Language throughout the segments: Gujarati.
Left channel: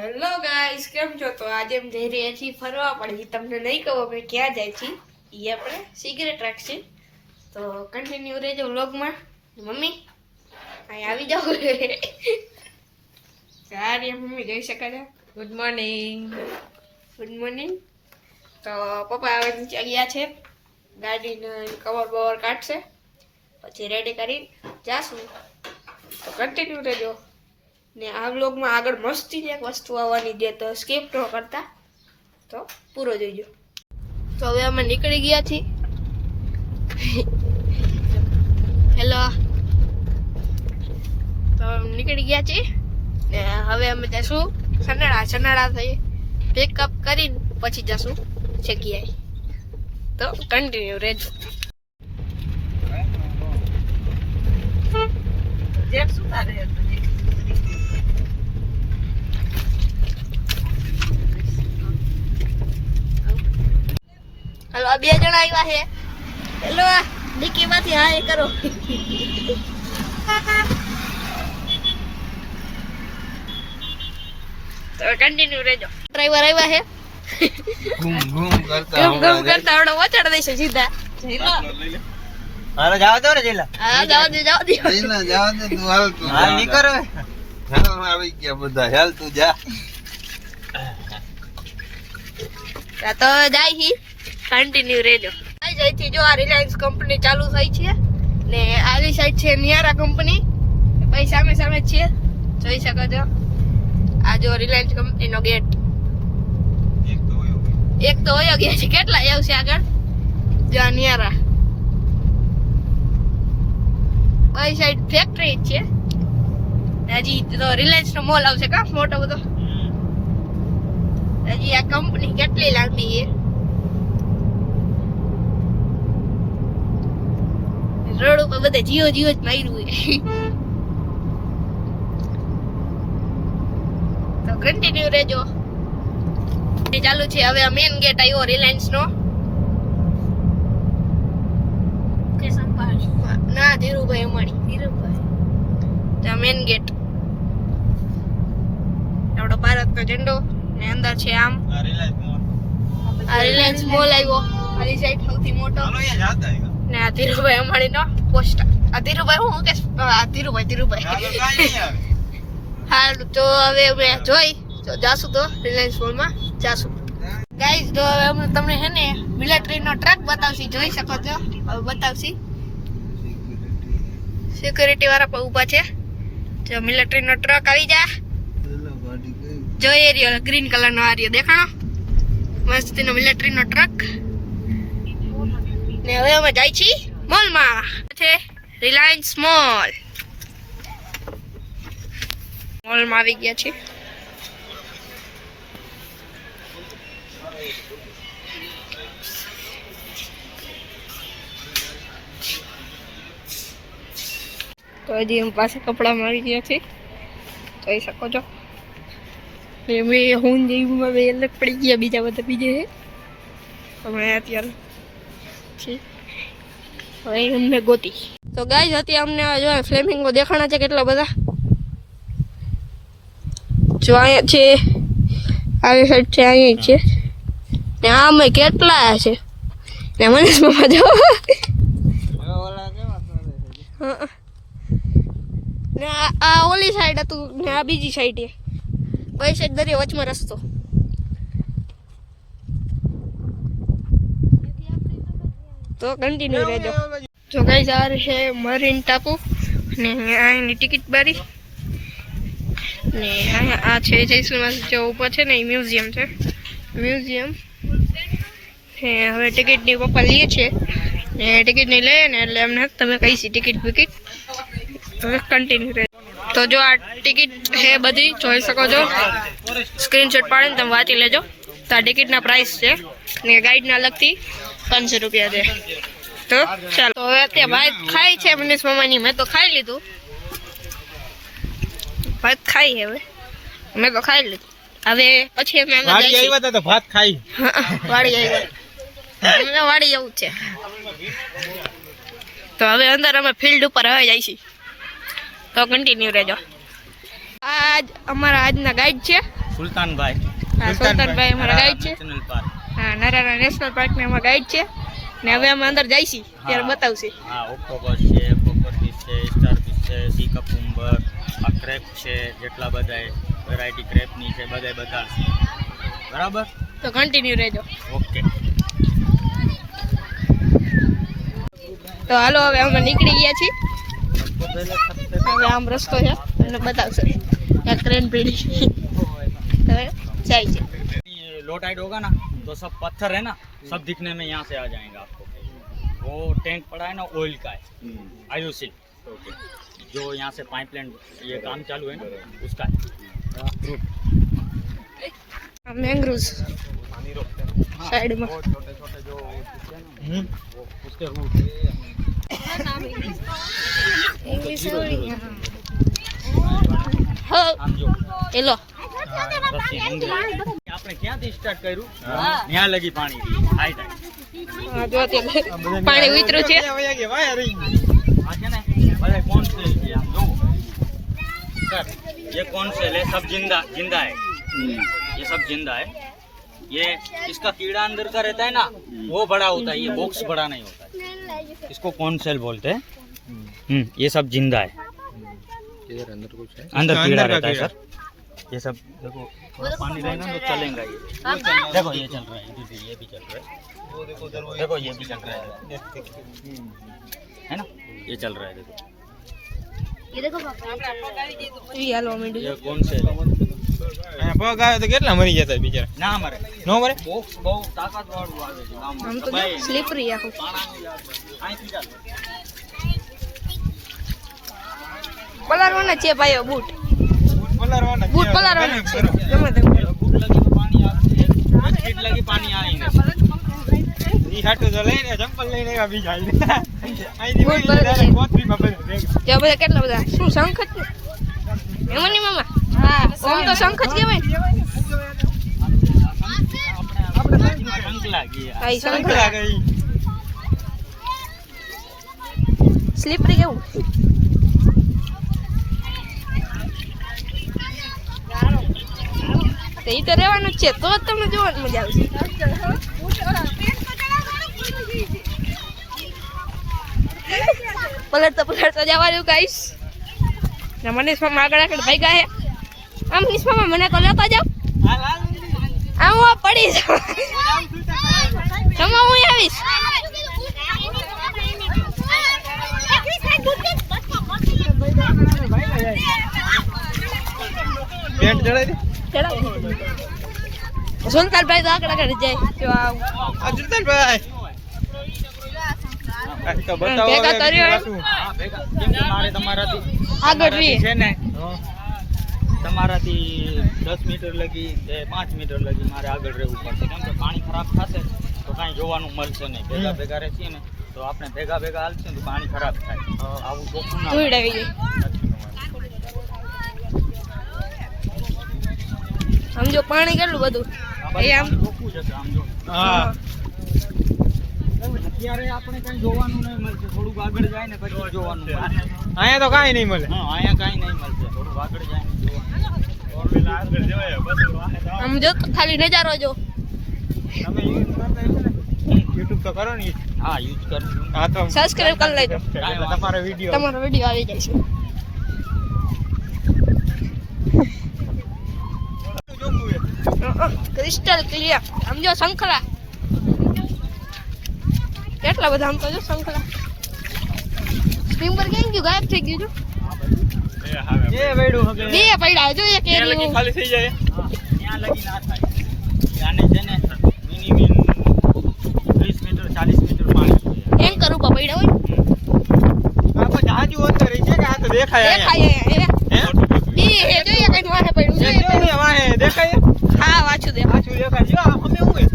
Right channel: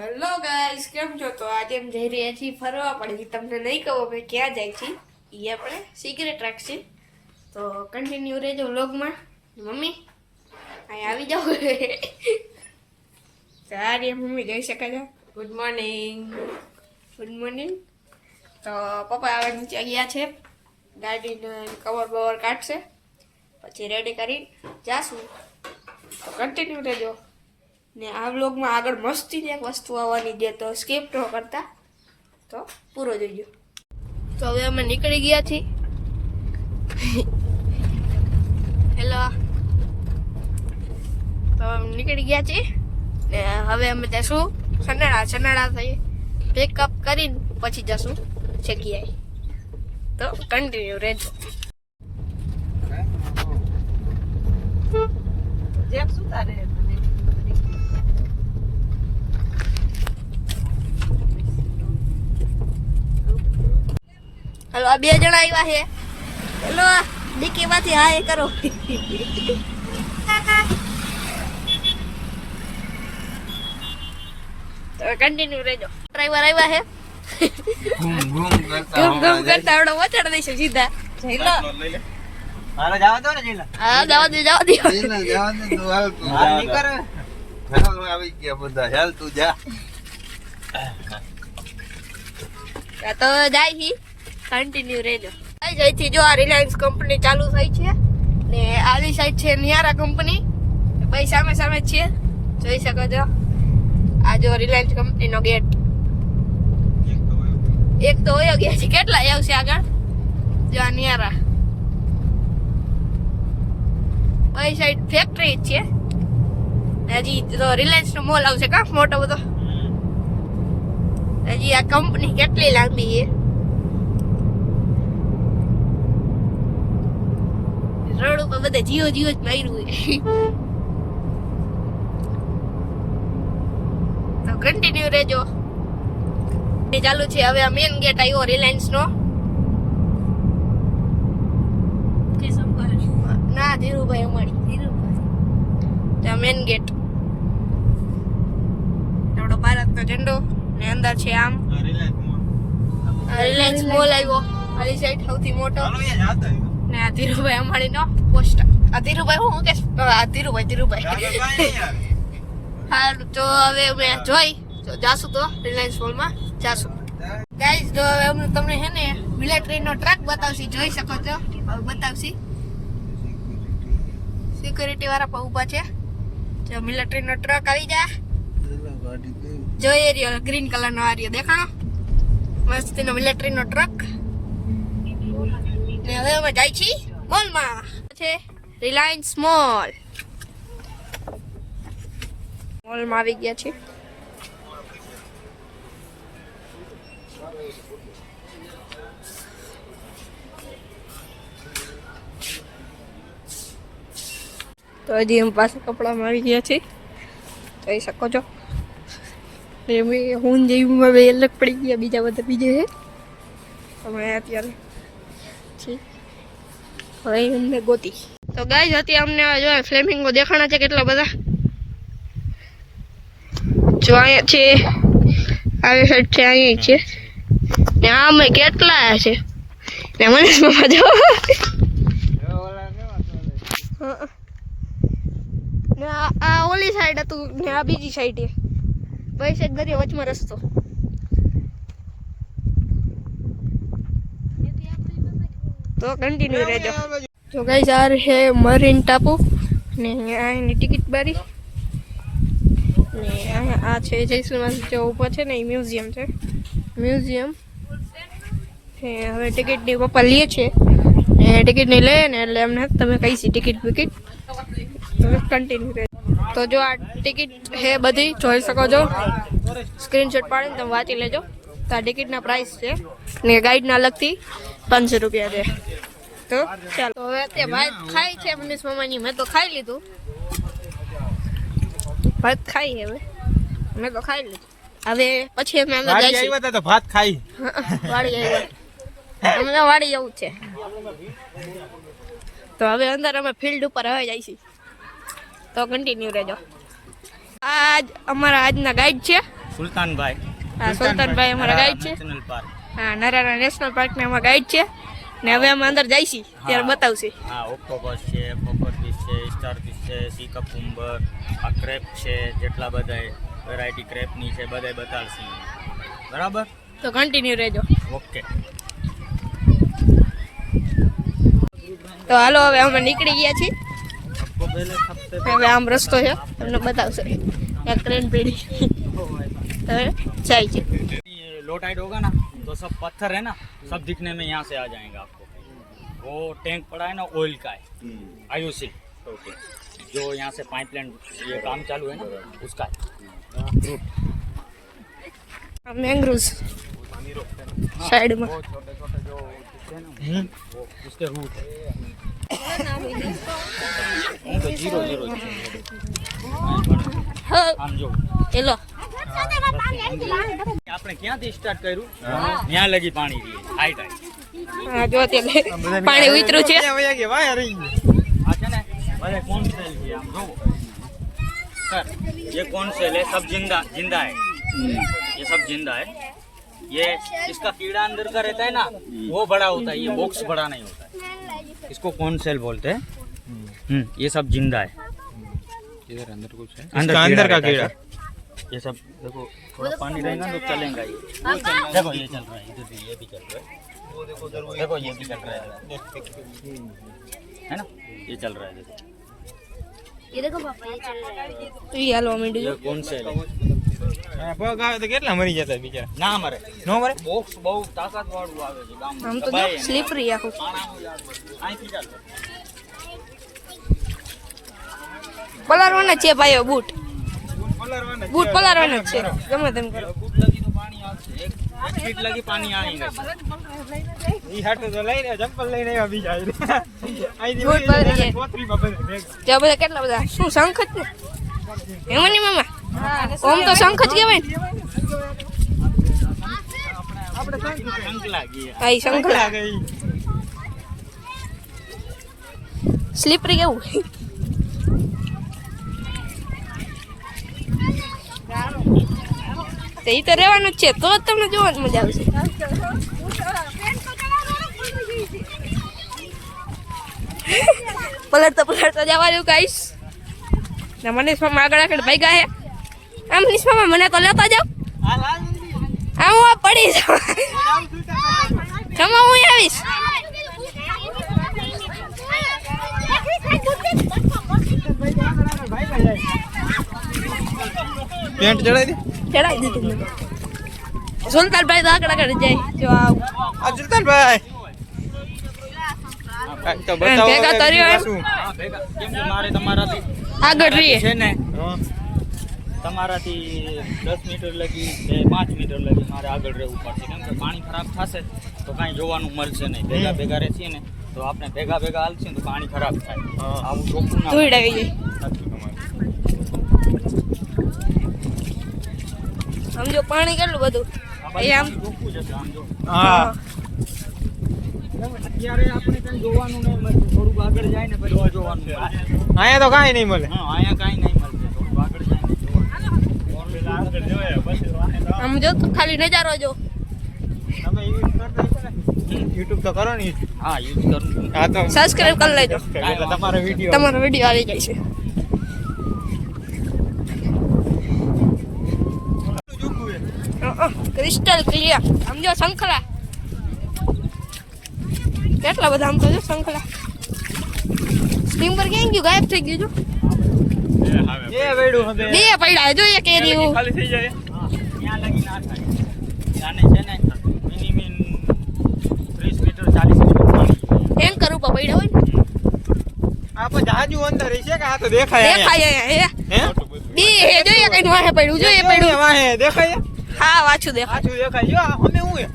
હેલો ગાઈસ, કેમ છો? તો આજે અમે જઈ રહ્યા છીએ ફરવા, પણ તમને નહીં કહું અમે ક્યાં જાય છીએ. એ આપણે સિગરેટ રાખશે. તો કન્ટિન્યુ રહેજો વ્લોગમાં. મમ્મી અહીં આવી જાઓ. સારી મમ્મી જઈ શકે છે. Good morning. Good morning. તો પપ્પા હવે નીચે ગયા છે, ગાડીને કવર બવર કાઢશે, પછી રેડી કરી જાશું. તો કન્ટિન્યુ રહેજો. ને આ વ્લોગમાં આગળ મસ્તી એક વસ્તુ આવવાની છે, તો સ્કીપ ન કરતા, તો પૂરો જોઈજો. તો હવે અમે નીકળી ગયા છીએ. હેલો. તો નીકળી ગયા છીએ ને હવે અમે જશું સનાળા થઈ પિકઅપ કરીને પછી જશું જગ્યાએ. તો કન્ટિન્યુ રહેજો. હલો, આ 2 જણા આવ્યા છે. હેલો, ડીકી માંથી હાય કરો. તો કન્ટિન્યુ રહેજો. ડ્રાઈવર આવ્યા છે. ઘૂમ કરતા આવડે વચાડ દઈશું સીધા. હેલો, અરે જાવ દો ને જીલા. હા જાવ દે જાવ દે. જવા દે તું હાલ ની કરો. હાલ આવી ગયા બધા. હાલ તું જા. તો જાય હી કન્ટિન્યુ રહેજો. અહીંથી જો આ રિલાયન્સ કંપની ચાલુ થઈ છે ને આવી સાઈડ છે નિયારા કંપની. ભાઈ સામે સામે જ છે, જોઈ શકો છો. આ જો રિલાયન્સ કંપનીનો ગેટ. એક તો વયો ગયા છે. કેટલા આવશે આગળ? જો આ નિયારા. ભાઈ સાઈડ ફેક્ટરી જ છે. હજી તો રિલાયન્સ નો મોલ આવશે કા મોટો બધો. હજી આ કંપની કેટલી લાંબી છે. રોડ ઉપર બધે જીઓ જ માર્યું છે. તો કન્ટિન્યુ રહેજો. ચાલુ છે હવે આ મેન ગેટ આવ્યો રિલાયન્સ નો. ના, ધીરુભાઈ અમારી. Dhirubhai main gate. આપણો ભારતનો ઝંડો ને અંદર છે આમ આ રિલાયન્સ મોલ આવ્યો. આ સાઈડ સૌથી મોટો. ને આ ધીરુભાઈ અમારી નો પોસ્ટર. આ ધીરુભાઈ હું કે ધીરુભાઈ. હા, તો હવે અમે જોઈ જાશું તો રિલાયન્સ મોલમાં જાશું. ગાઈઝ, તો હવે અમે તમને હે ને મિલિટરીનો ટ્રક બતાવશી. જોઈ શકો છો, હવે બતાવશી. સિક્યુરિટી વાળા પણ ઊભા છે. જો મિલિટરીનો ટ્રક આવી જા. જો એરિયો ગ્રીન કલરનો આ રહ્યો દેખાણો મસ્તીનો મિલિટરીનો ટ્રક. ને હવે અમે જાય છીએ મોલમાં. છે રિલાયન્સ મોલ. મોલમાં આવી ગયા છીએ. તો હજી અમે પાસે કપડામાં આવી ગયા છીએ, જોઈ શકો છો. હું જેવું હવે અલગ પડી ગયા, બીજા બધા બીજે છે. અમે અત્યારે હવે અમને ગોતી. તો ગાઈઝ, અત્યારે અમને જો ફ્લેમિંગો દેખાણા છે કેટલા બધા. જો અહીંયા છે, આવી સાઈડ છે, અહીંયા છે ને આમે કેટલા છે. ને મનીષ મામા જો ને આ ઓલી સાઈડ હતું ને આ બીજી સાઈડ. ભાઈ સાઈડ દરિયો વચમાં રસ્તો. તો કન્ટિન્યુ રહેજો. જો ગાઈસ, આ છે મરીન ટાપુ ને અહીંની ટિકિટ બારી ને આ છે જયસુમાં જે ઉપર છે ને એ મ્યુઝિયમ છે. મ્યુઝિયમ ને હવે ટિકિટની પપ્પા લે છે ને ટિકિટની લે ને એટલે એમને તમે કહીશી ટિકિટ બિકિટ. હવે કન્ટિન્યુ રહે. તો જો આ ટિકિટ છે બધી જોઈ શકો છો. સ્ક્રીનશોટ પાડીને તમે વાંચી લેજો. તો આ ટિકિટના પ્રાઇસ છે ને ગાઈડના અલગથી 500 રૂપિયા છે. તો ચાલો, તો હવે અત્યારે ભાત ખાઈ છે મનીષ મામાની. મેં તો ખાઈ લીધું. ભાત ખાઈ હવે મેં તો ખાઈ લીધું. હવે પછી અમે અંદર જઈશું. તો ભાત ખાઈ વાડી આવ્યા. અમને વાડી જવું છે. તો હવે અંદર અમે ફિલ્ડ ઉપર હવે જઈશું. તો કન્ટિન્યુ રહેજો. આજ અમારા આજના ગાઈડ છે સુલતાનભાઈ હા સુલતાનભાઈ અમારા ગાઈડ છે. National park. હા નરારા નેશનલ પાર્કને અમારા ગાઈડ છે ને હવે અમે અંદર જઈશી ત્યારે બતાવશે. હા ઓક્ટોપસ છે, કોપર ફિશ છે, સ્ટાર ફિશ છે, સી કકુંબર, આ ક્રેપ છે, જેટલા બધા વેરાયટી ક્રેપની છે બધાય બતાડશે. બરાબર, તો કન્ટિન્યુ રહેજો. ઓકે. તો હાલો હવે અમે નીકળી ગયા છીએ. હવે આમ રસ્તો છે તમને બતાવશે ત્યાં ટ્રેન પડી હવે જાય છે. ये लो टाइड होगा ना तो सब पत्थर है ना सब दिखने में यहाँ से आ जाएगा आपको. वो टैंक पड़ा है ना ऑयल का है, आयुषी ओके, जो यहाँ से पाइपलाइन ये काम चालू है ना उसका है रूट. આ મેંગ્રુવ્સ સાઈડમાં छोटे छोटे जो वो उसके रूट है. जीरो जीरो હા આમ જો એલો આપણે ક્યાંથી સ્ટાર્ટ કર્યું ત્યાં લગી પાણી હાઈ ટાઈમ. હા જો ત્યાં પાણી ઉતર્યું છે. આ છે ને भाई कौन सेल है आप दो सर, ये कौन सेल है? सब जिंदा जिंदा है, ये सब जिंदा है. ये इसका कीड़ा अंदर का रहता है ना वो बड़ा होता है, ये बॉक्स बड़ा नहीं होता है. इसको कौन सेल बोलते हैं. ये सब जिंदा है. इधर अंदर कुछ है, अंदर कीड़ा रहता है सर. ये सब देखो थोड़ा पानी रहेगा तो चलेगा ये. देखो ये चल रहा है, इधर भी ये भी चल रहा है. देखो ये भी चल रहा है ना, ये चल रहा है. देखो ઈ હાલો ये મીડિયો कौन सेल है? પગ આવે તો કેટલા મરી જતા બિચારા. ના મરે, નો મરે. બોક્સ બહુ તાકાત વાળું આવે છે ગામમાં. આમ તો સ્લીપરી આખું. અહીંથી ચાલો. પલારવાના છે ભાઈઓ બૂટ બૂટ પલારવાના જ છે ગમે તેમ કરો. ફૂટ લગી તો પાણી આવે, એક ફીટ લગી પાણી આएगा. ઈ હાટો તો લઈને ચંપલ લઈને આવ્યા બીજા આઈ બૂટ પલારી કોથળીમાં ભરે ત્યાં બધા કેટલા બધા શું શંખ જ ને એમાં નહીં મામા ઓમ તો શંખ જ કહેવાય ને. આપણે શંખ લાગી. આ ઈ શંખ લાગે ઈ. સ્લીપરી કેવું તો ઈ તો રહેવાનું જ છે તો જ તમને જોવાની મજા આવશે. પલટતા જવાનું ગાઈસ ને મનીષ મામા આગળ આગળ ભાઈ ગયા આમ મનીષ મામા મને તો લેતા જાવ આમ હું પડી જાઉં જમા હું આવીશ. પેન્ટ ચડાઈ દે. ચડાવી દીધું સુલતાનભાઈ તો આગળ આગળ જાય જો આવું આ સુલતાનભાઈ તો બતાવો ભેગા કર્યો એમ? શું હા, ભેગા. કેમ કે મારે તમારાથી આગળ રહીએ છે ને તમારાથી 10 મીટર લગી કે 5 મીટર લગી મારે આગળ રહેવું પડશે. કેમ કે પાણી ખરાબ થશે તો કાંઈ જોવાનું મળશે નહીં. ભેગા ભેગા રહેશે ને તો આપણે ભેગા ભેગા હાલશે ને તો પાણી ખરાબ થાય. આવું ચોખ્ખું ના ધૂળ આવી ગઈ આમ જો પાણી કેટલું બધું આ એ આમ ચોખ્ખું જ હશે. આમ જો હા અત્યારે આપણે કાંઈ જોવાનું નહીં મળશે. થોડુંક આગળ જાય ને પછી જોવાનું મળશે. અહીંયા તો કાંઈ નહીં મળે. હા, અહીંયા કાંઈ નહીં મળશે. થોડુંક આગળ જાય ને જોવાનું. આમ જો તો ખાલી નજારો જો તમે યુઝ કરતા હશો ને YouTube તો કરો ને use. હા, યુઝ કરું. હા તો સબસ્ક્રાઇબ કરી લેજો એટલે તમારો વિડિયો તમારો વિડીયો આવી જાય છે. ક્રિસ્ટલ ક્લિયર આમ જો શંખલા કેટલા બધા આમ તો જો શંખલા સ્ટીમર ક્યાં ગયું ગાયબ થઈ ગયું એ વેડું હવે બે પડ્યા જો એક એની ખાલી થઈ જાય. હા, ત્યાં લગી ના થાય. ત્યાંને છે ને મિનિમમ 30 મીટર 40 મીટર પાણી એન્કર ઉપર પડ્યા હોય આપણે જાજુ અંદર છે કે આ તો દેખાય દેખાય હે બે હે જોઈએ કઈ વાહે પડ્યું જોઈએ પડ્યું વાહે દેખાય હા વાંચું દે આછું દેખાય જો અમે હું હે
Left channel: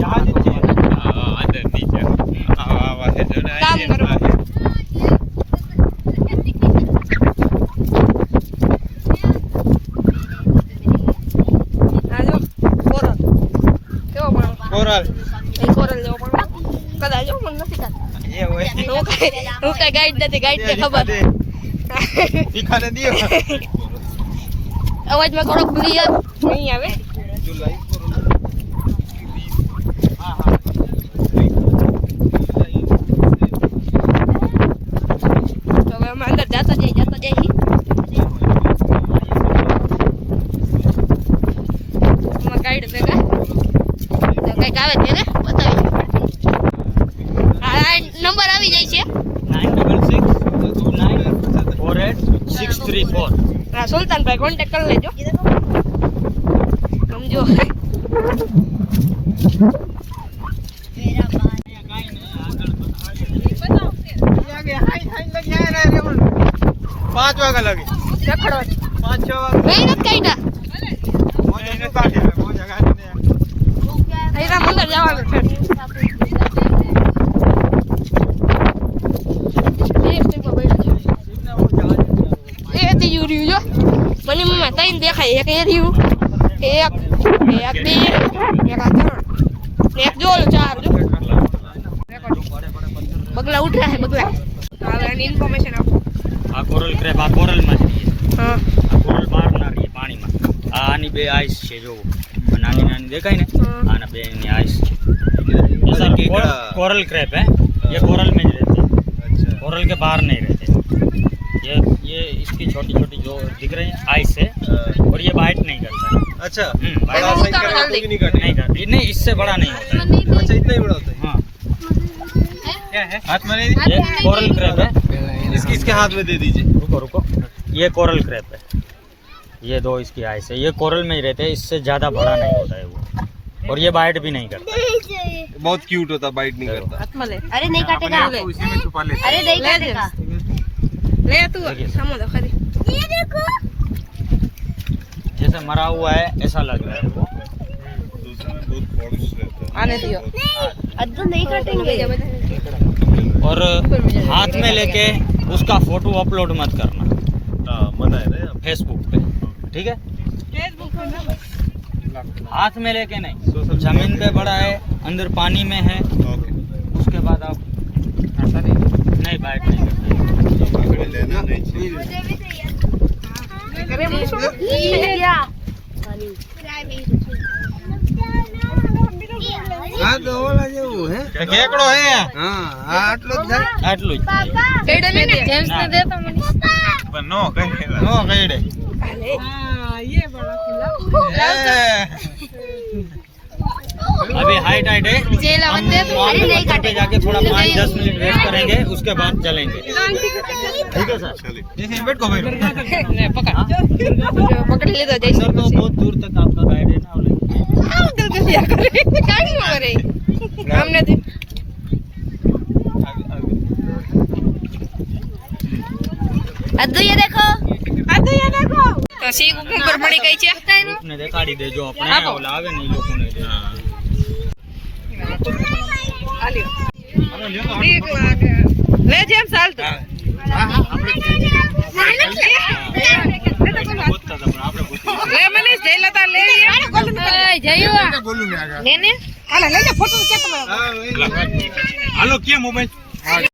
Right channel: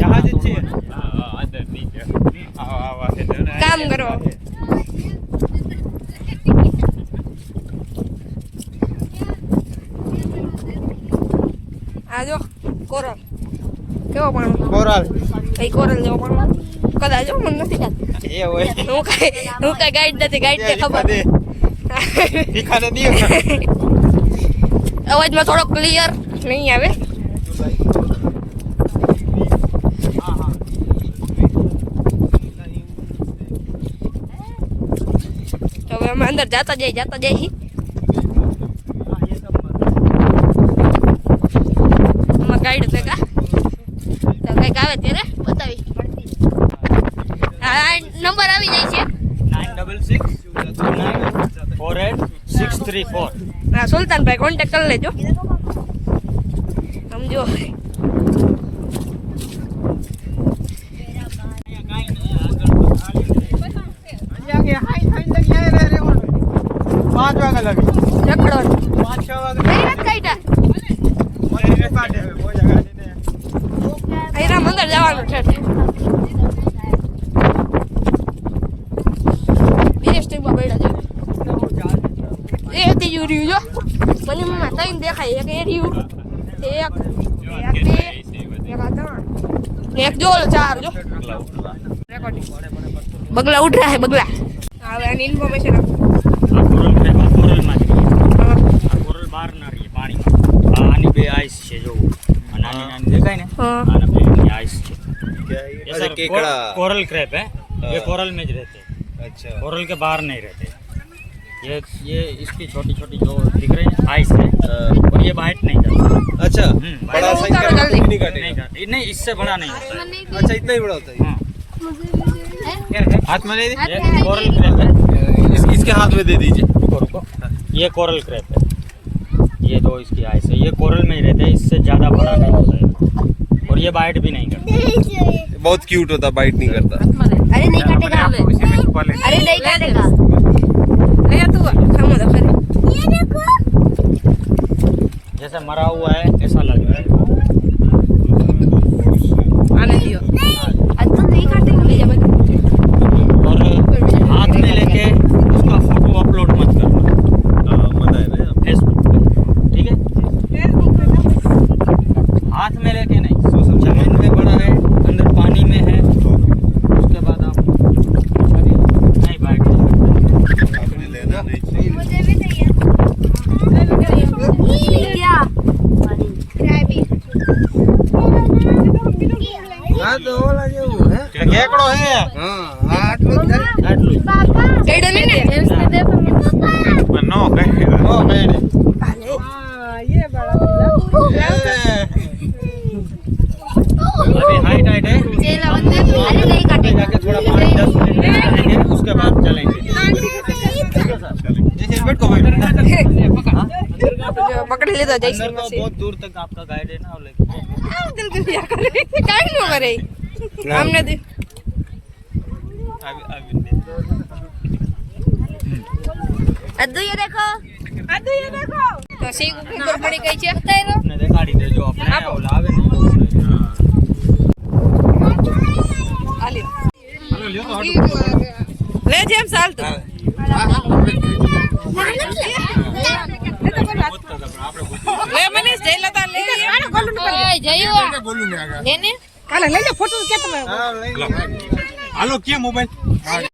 જહાજ જ છે અંદર નીચે આ વાહે કામ કરવા આ જો કોરલ કેવો પાણી કોરલ એ કોરલ જેવો પાણી કદાચ જો મને નથી ખ્યાલ. એ હોય હું કઈ ગાઈડ નથી, ગાઈડ ને ખબર. તીખાને દિયો અવાજમાં થોડો ક્લિયર નહીં આવે. તો હવે અમે અંદર જાતા જઈએ. આમાં ગાઈડ ભેગા તો કંઈક આવે ત્યારે બતાવી. આ નંબર આવી જાય છે. 966948 હા, સુલતાનભાઈ કોન્ટેક્ટ કરી લેજો. સમજો. પાંચ વાગે લાગી રખડવાની 5-6 મેં નથી કાઢ્યા. અહીંના મંદિર જવાનું છે. સ્ટીકમાં બેઠા છે. એ હતી યુ રહ્યું જો. મને મમ્મા ત્રણ દેખાય. એક એ રહ્યું, એક બે, એક આ ત્રણ, એક જો 4 જો. બગલા ઉઠ રહ્યા છે, બગલા. હવે આની ઇન્ફોર્મેશન આપો. આ કોરલ ક્રેપ, આ કોરલમાં જ રહીએ. હા, આ કોરલ બહાર ના રહીએ પાણીમાં. આ આની બે આઈસ છે જોવો. આ નાની નાની દેખાય ને, હા. આના બે ની આઈસ છે. ये सर केकड़ा। कोरल क्रैप है, ये कोरल में ही रहते हैं, अच्छा कोरल के बाहर नहीं रहते। ये इसकी छोटी छोटी जो दिख रहे हैं आइस है, और ये बाइट नहीं करता। अच्छा बड़ा सही कर रहे हैं, नहीं काटेगा नहीं करता, नहीं इससे बड़ा नहीं होता। अच्छा इतना ही बड़ा होता है हाँ, क्या है हाथ में नहीं ये कोरल क्रैप है। इसके हाथ में दे दीजिए रुको रुको, ये कोरल क्रैप है, ये दो इसकी आइस है, ये कोरल में ही रहते हैं, इससे ज़्यादा बड़ा नहीं होता है, और ये बाइट भी नहीं करता। बहुत क्यूट होता है बाइट नहीं करता अरे नहीं काटेगा, अरे नहीं काटेगा। ले तू सामने देखो. ये देखो, जैसे मरा हुआ है ऐसा लग रहा है। आने दियो. आज तो नहीं काटेंगे। और हाथ में लेके उसका फोटो अपलोड मत करना फेसबुक पे, ठीक है? हाथ में लेके नहीं, जमीन पे पड़ा है, अंदर पानी में है, उसके बाद आप नहीं बाइट नहीं लेना नहीं ये क्या? હા તો ઓલા જેવું હે કેકડો હે હા આટલો જ થાય આટલું જ. ગઈડે ને જેમ્સ ને દે તો નો કઈડે હાલે. अभी हाइट हाइट है, अरे नहीं आगे जाके थोड़ा 5-10 मिनट वेट करेंगे, उसके बाद चलेंगे, ठीक है सर? बैठो પકડી લીધો अंदर જઈશું. तो बहुत दूर तक आपका गाइड है ना, वो लेके કાઢ નો કરે આમ નથી. अद्दू ये देखो, તો સી ઉપર પડી ગઈ છે. अपने दिखाड़ी दे जो अपने ओला आवे नहीं लोगों ने। લે જેમ ચાલતું. લે મનીષ જઈ લેતા લે લે ને હાલે લઈ લે ફોટો કે તમે હાલો કે મોબાઈલ